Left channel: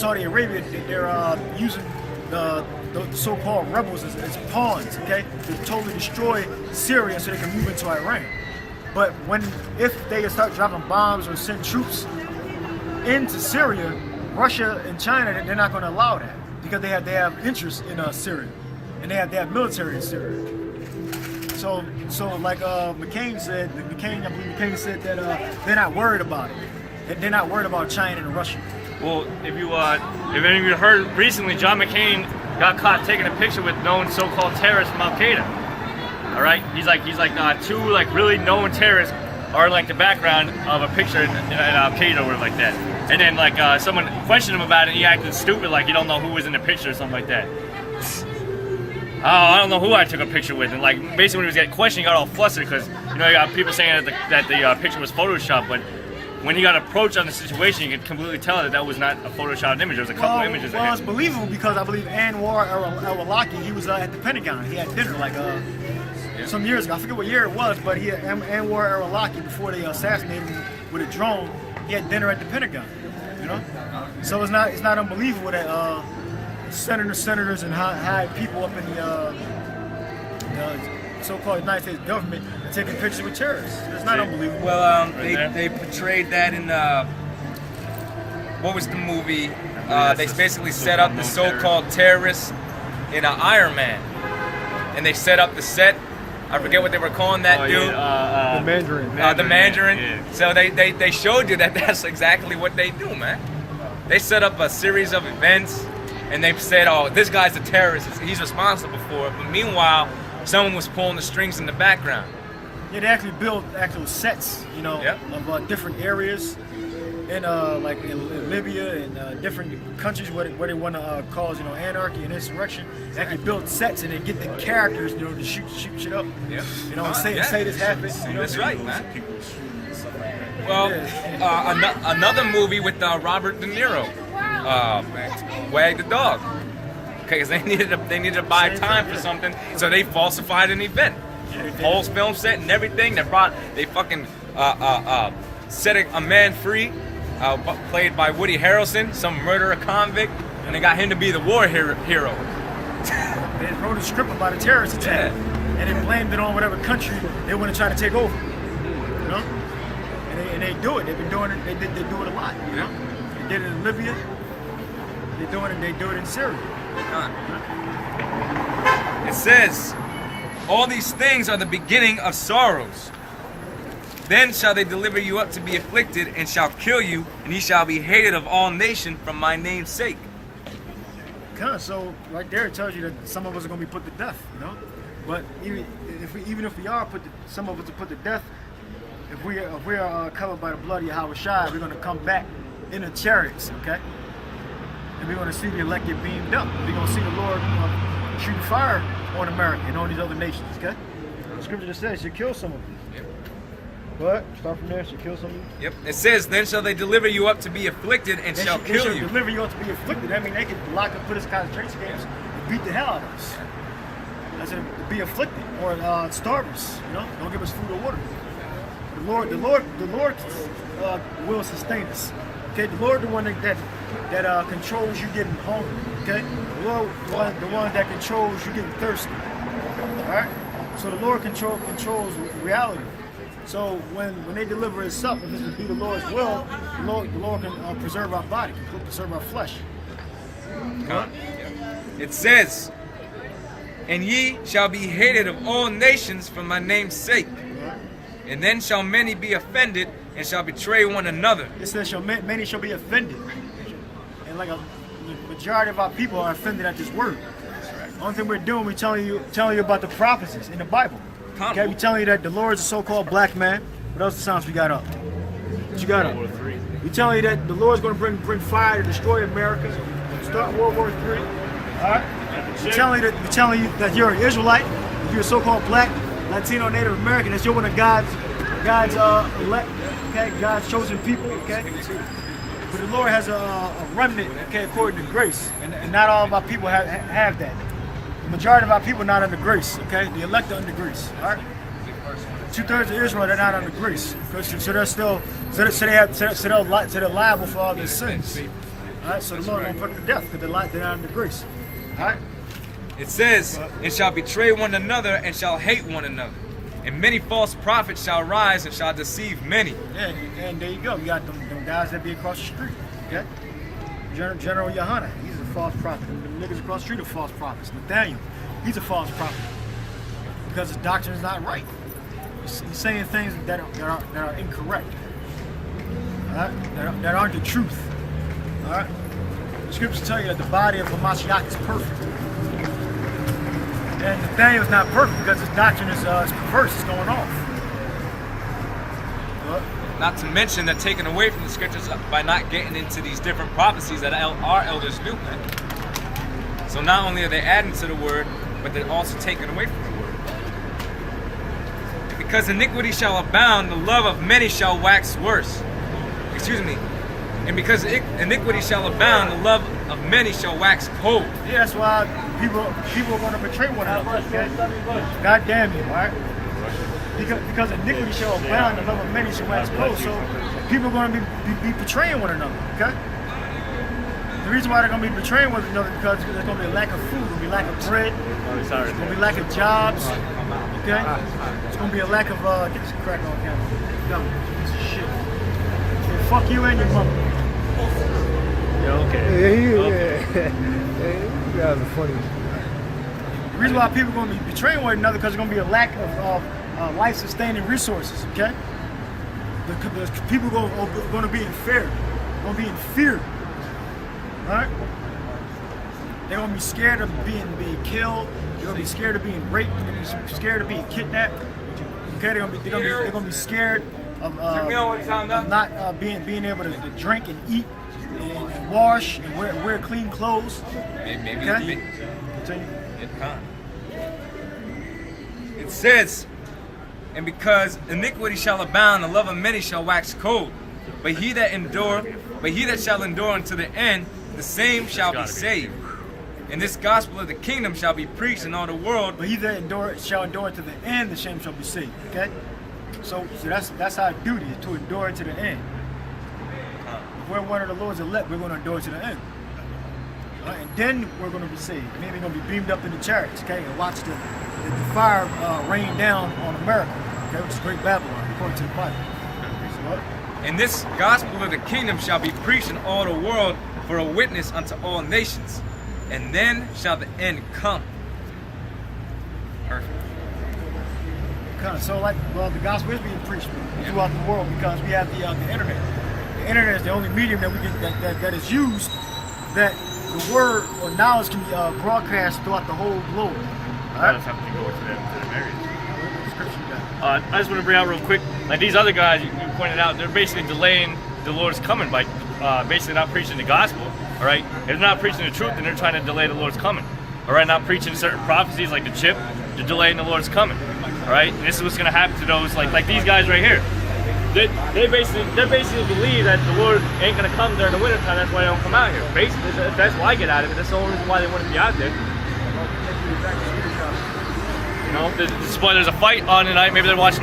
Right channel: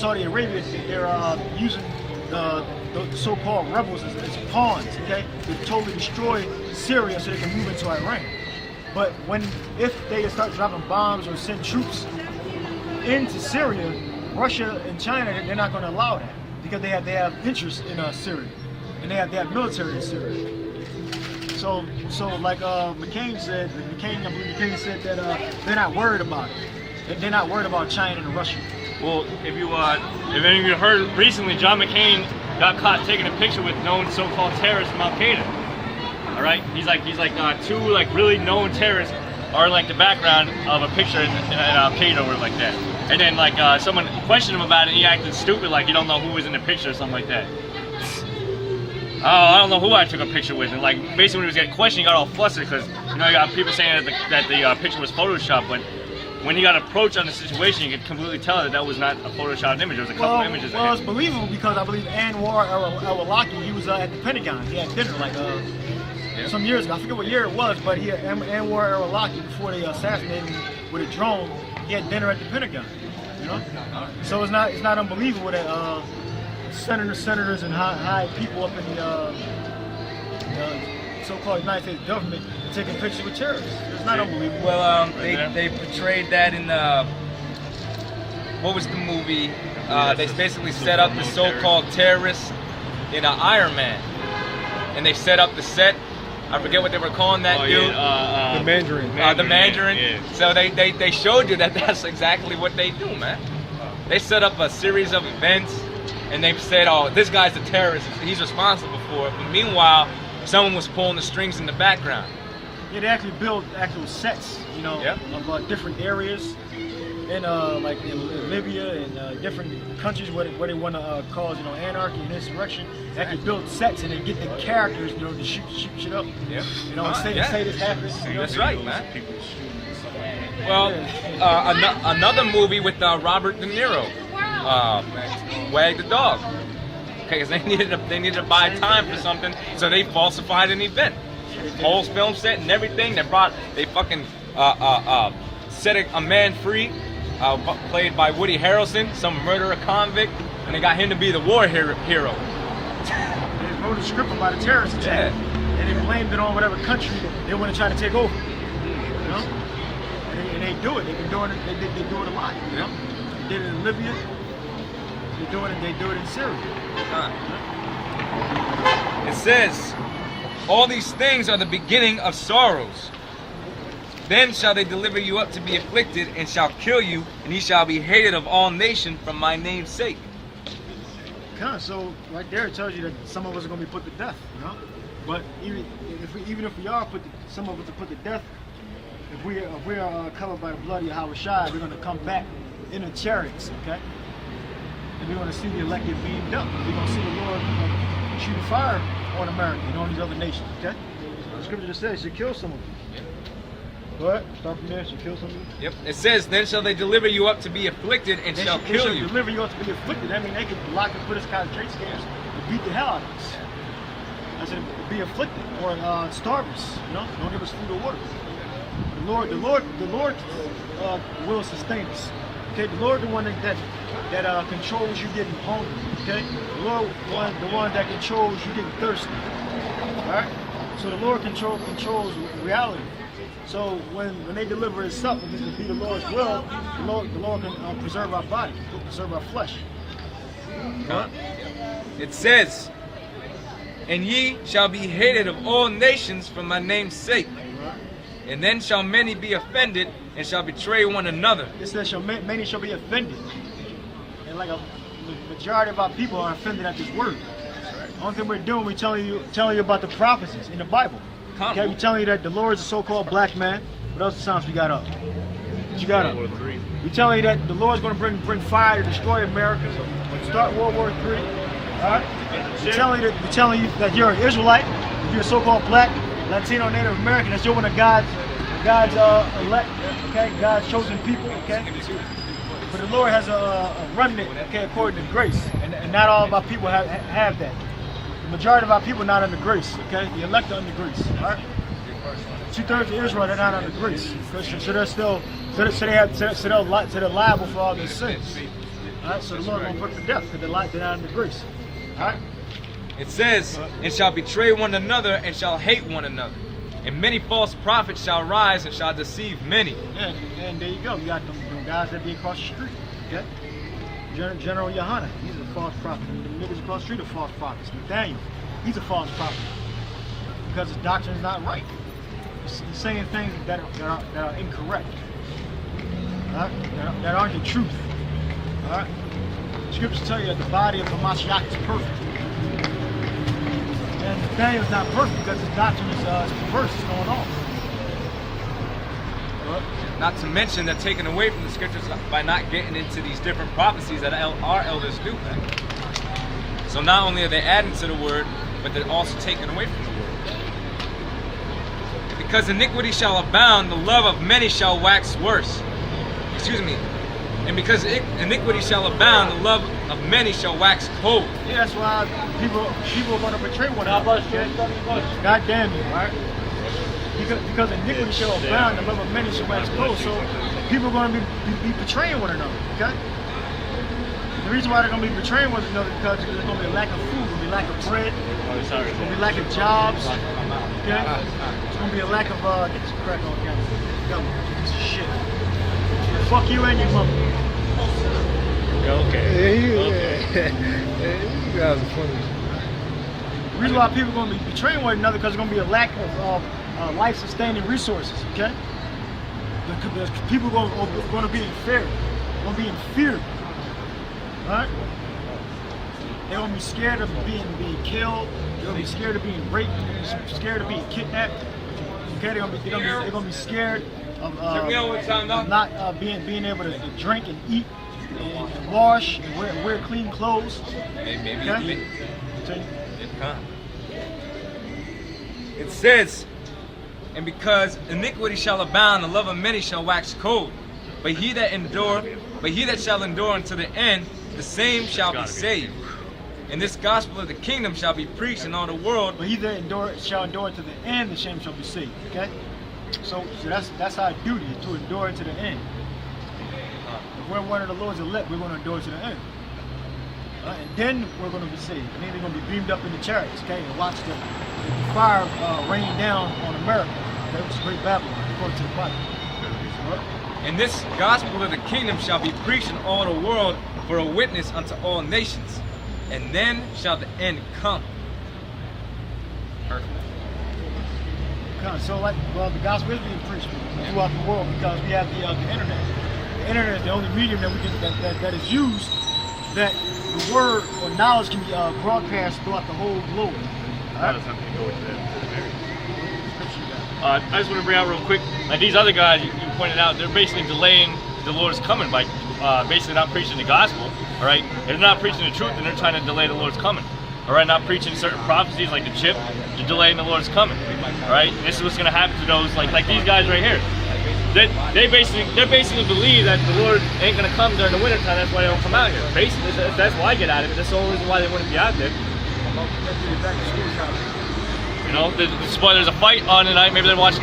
Saudi Arabia, they're using the so-called rebels as pawns, okay, to totally destroy Syria so they can move into Iran. But if they start dropping bombs or send troops into Syria, Russia and China, they're not going to allow that because they have interest in Syria, and they have military in Syria. So like McCain said, I believe McCain said that they're not worried about it. They're not worried about China and Russia. Well, if any of you heard recently, John McCain got caught taking a picture with known so-called terrorists from Al Qaeda. All right, he's like two like really known terrorists are like the background of a picture in Al Qaeda or like that. And then like someone questioned him about it, and he acted stupid, like you don't know who was in the picture or something like that. Oh, I don't know who I took a picture with, and like basically when he was getting questioned, he got all flustered because you know you got people saying that the picture was photoshopped, but when he got approached on the situation, you could completely tell that was not a photoshopped image. There was a couple images. Well, it's believable because I believe Anwar al-Awlaki, he was at the Pentagon. He had dinner like some years ago. I forget what year it was, but Anwar al-Awlaki, before they assassinated him with a drone, he had dinner at the Pentagon. You know, so it's not unbelievable that senators and high people up in the so-called United States government are taking pictures with terrorists. It's not unbelievable. Well, they portrayed that in what was the movie? They basically set up the so-called terrorists in Iron Man, and they set up the set. I forget what they were calling that dude. The Mandarin. The Mandarin. Yeah. So they showed you that that's exactly what they do, man. They set up a series of events, and they said, "Oh, this guy's a terrorist. He's responsible for it." But meanwhile, someone was pulling the strings in the background. Yeah, they actually build actual sets, you know, of different areas, in like in Libya and different countries where they want to cause, you know, anarchy and insurrection. They actually build sets and they get the characters, you know, to shoot shit up. Yeah. You know, and say this happened. You know? That's right, man. Well, another movie with Robert De Niro, Wag the Dog. Okay, because they needed to buy time for something, so they falsified an event. Whole film set and everything. They fucking set a man free, played by Woody Harrelson, some murderer convict, and they got him to be the war hero. They wrote a script about a terrorist attack, and they blamed it on whatever country they want to try to take over. You know, and they do it. They've been doing it. They do it a lot. You know, they did it in Libya. They do it in Syria. It says, all these things are the beginning of sorrows. Then shall they deliver you up to be afflicted, and shall kill you, and he shall be hated of all nations for my name's sake. So right there it tells you that some of us are going to be put to death, you know. But even if we are some of us are put to death, if we are covered by the blood of Yahweh Shai, we're going to come back in the chariots, okay? And we're going to see the elected beamed up. We're going to see the Lord shooting fire on America and on these other nations, okay? The scripture just says she'll kill some of them. Yep. But start from there, she'll kill some of them. Yep. It says, then shall they deliver you up to be afflicted, and shall kill you. Deliver you up to be afflicted. I mean, they could lock and put us in concentration camps and beat the hell out of us. I said, to be afflicted or starve us. You know, don't give us food or water. The Lord will sustain us. Okay, the Lord, the one that controls you getting hungry. Okay, the Lord, the one that controls you getting thirsty. All right. So the Lord controls reality. So when they deliver us up, if it's to be the Lord's will, the Lord can preserve our body, can preserve our flesh. It says, and ye shall be hated of all nations for my name's sake. And then shall many be offended, and shall betray one another. It says many shall be offended. And like the majority of our people are offended at this word. That's right. The only thing we're doing, we're telling you about the prophecies in the Bible. Okay, we're telling you that the Lord is a so-called black man. What else sounds we got up? What you got up? We're telling you that the Lord's going to bring fire to destroy America. Start World War III. All right? We're telling you that you're an Israelite. If you're a so-called black, Latino, Native American, that's you're one of God's elect, okay, God's chosen people, okay. But the Lord has a remnant, okay, according to grace, and not all of our people have that. The majority of our people are not under grace, okay. The elect are under grace, all right. 2/3 of Israel, they're not under grace, so they're still, they're liable for all their sins. All right, so the Lord gonna put them to death because they're not under grace. All right. It says, and shall betray one another and shall hate one another. And many false prophets shall rise and shall deceive many. Yeah, and there you go. You got them guys that be across the street. Okay. General Yohana, he's a false prophet. The niggas across the street are false prophets. Nathaniel, he's a false prophet because his doctrine is not right. He's saying things that are incorrect. All right? That aren't the truth. All right. The scriptures tell you that the body of Hamashiach is perfect. And Nathaniel's not perfect because his doctrine is perverse. It's going off. Well, Not to mention they're taken away from the scriptures by not getting into these different prophecies that our elders do. So not only are they adding to the word, but they're also taken away from the word. And because iniquity shall abound, the love of many shall wax worse. Excuse me. And because iniquity shall abound, the love of many shall wax cold. yeah, that's why people are going to betray one another. God damn you, right? Because iniquity shall abound, the love of many shall wax cold. So people are going to be betraying one another. Okay. The reason why they're going to be betraying one another is because there's going to be a lack of food, there's going to be a lack of bread, there's going to be a lack of jobs. Okay. It's going to be a lack of get this crack on camera. Shit. Fuck you and your mother. Okay. You guys are funny. The reason why people are going to be betraying one another because there's going to be a lack of life-sustaining resources. Okay, the people are going to be in fear. They're going to be in fear. All right. They're going to be scared of being killed. They're going to be scared of being raped. They're going to be scared of being kidnapped. Okay, they're going to be scared of not being able to drink and eat and wash and wear clean clothes. Okay? It says, and because iniquity shall abound, the love of many shall wax cold. But he that shall endure unto the end, the same shall be saved. And this gospel of the kingdom shall be preached in all the world. But he that shall endure to the end, the same shall be saved. Okay? So that's our duty, to endure to the end. If we're one of the Lord's elect, we're going to endure to the end. And then we're going to be saved. And then we're going to be beamed up in the chariots, okay? And watch the fire rain down on America, okay? Which is great Babylon, according to the Bible. So, And this gospel of the kingdom shall be preached in all the world for a witness unto all nations. And then shall the end come. Perfect. So the gospel is being preached throughout the world because we have the internet. The internet is the only medium that we can that is used that the word or knowledge can be broadcast throughout the whole globe. All right. I just want to bring out real quick, like these other guys you pointed out, they're basically delaying the Lord's coming by basically not preaching the gospel. All right, if they're not preaching the truth, then they're trying to delay the Lord's coming. All right, not preaching certain prophecies like the chip, they're delaying the Lord's coming. All right, and this is what's going to happen to those like these guys right here. They basically believe that the Lord ain't going to come during the wintertime. That's why they don't come out here. Basically, that's why I get out of it. That's the only reason why they wouldn't be out there. You know, there's a fight on tonight. Maybe they're watching.